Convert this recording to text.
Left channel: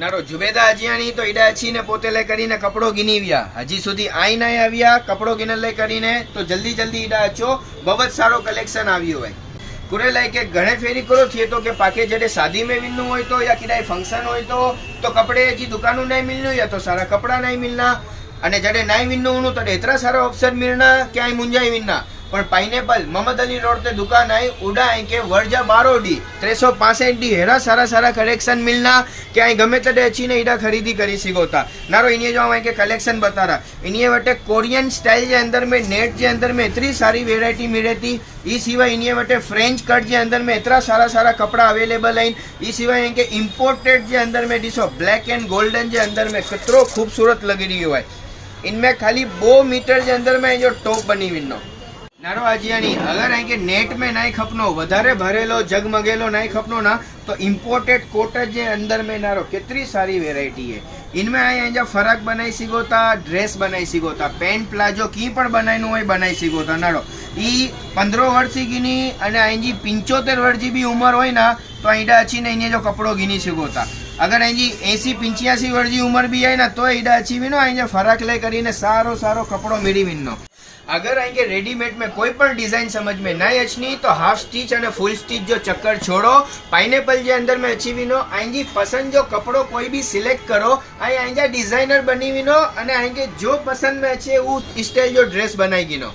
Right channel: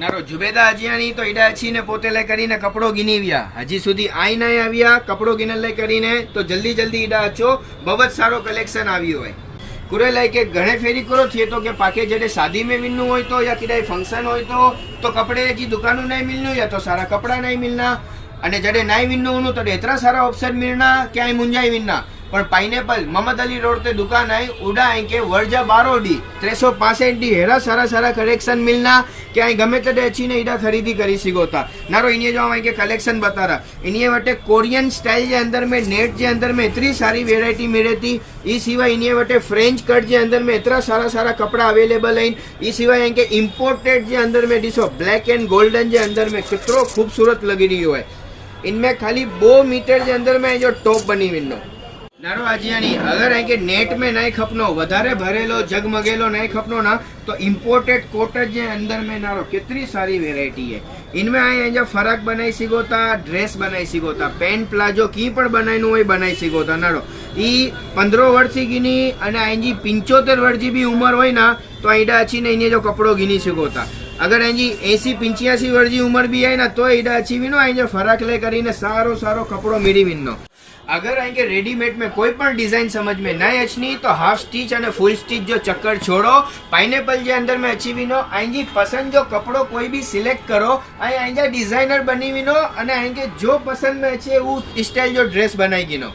નારો જુબેદા અજિયાણી તો ઈડા અછીને પોતે લઈ કરીને કપડો ગીની વ્યા હજી સુધી આઈ ના આવ્યા કપડો ગીને લઈ કરીને તો જલ્દી જલ્દી ઈડા અચો બહુ જ સારો કલેક્શન આવ્યું હોય કુરે લાઈ કે ઘણે ફેરી કરો થઈએ તો કે પાકે જડે શાદી में मिलनु હોય તો યા કિડાई फंक्शन હોય તો कपड़े जी दुकानों नहीं मिलनु या तो सारा कपड़ा नहीं मिलना અને જડે નહીં વિન્નો હોનું તો એતરા સારા ઓપ્શન મિલના ક્યાંય મુંજાઈ વિન્ના પણ પાઇનેપલ મોહમ્મદ અલી रोड ते दुकान है उड़ा है के वर्जा 12 डी 365 डी हेरा सारा सारा कलेक्शन मिलना क्यां गमे तड़े अच्छी ने इडा खरीदी करी सिगोता नारो इन्हें जो हम के कलेक्शन बता रहा इन्हें वटे कोरियन स्टाइल के अंदर में नेट के अंदर में इतनी सारी वेरायटी मिले थी ई सिवाय इन्हें वटे फ्रेंच कट के अंदर में इतना सारा सारा कपड़ा अवेलेबल है ई सिवाय इनके इम्पोर्टेड के अंदर में दिसो ब्लैक एंड गोल्डन के अंदर में कितनो खूबसूरत लगी रही है इनमें खाली 2 मीटर के अंदर में जो टॉप बनी विनो नारो अजियानी अगर है कि नेट में नहीं खपनो वधारे भरेलो जगमगेलो नहीं खपनो ना तो इम्पोर्टेड कोटन के अंदर में नारो कितनी सारी वेरायटी है इनमें आई फरक बनाई सिगोता ड्रेस बनाई सिगोता पेंट प्लाजो की पण बनाईनु होय बनाई सिगोता नारो ई 15 वर्ष की गिनी अने आईजी 75 वर्ष की भी उम्र होय ना तो ईडा अच्छी ने इने जो कपड़ो गिनी सिगोता अगर आईजी 80-85 वर्ष की उम्र भी है ना तो ईडा अच्छी विनो आईजे फरक ले करीने सारो सारो कपड़ो मेरी विनो अगर आएंगे रेडीमेड में कोई पण डिजाइन समझ में नहीं अच्छी तो हाफ स्टिच और फुल स्टिच जो चक्कर छोड़ो पाइनेपल के अंदर में अच्छी विनो आएंगी पसंद जो कपड़ो कोई भी सिलेक्ट करो आएंगे डिजाइनर बनी विनो अने आएंगे जो पसंद में अच्छे वो स्टाइल जो ड्रेस बनाई गिनो।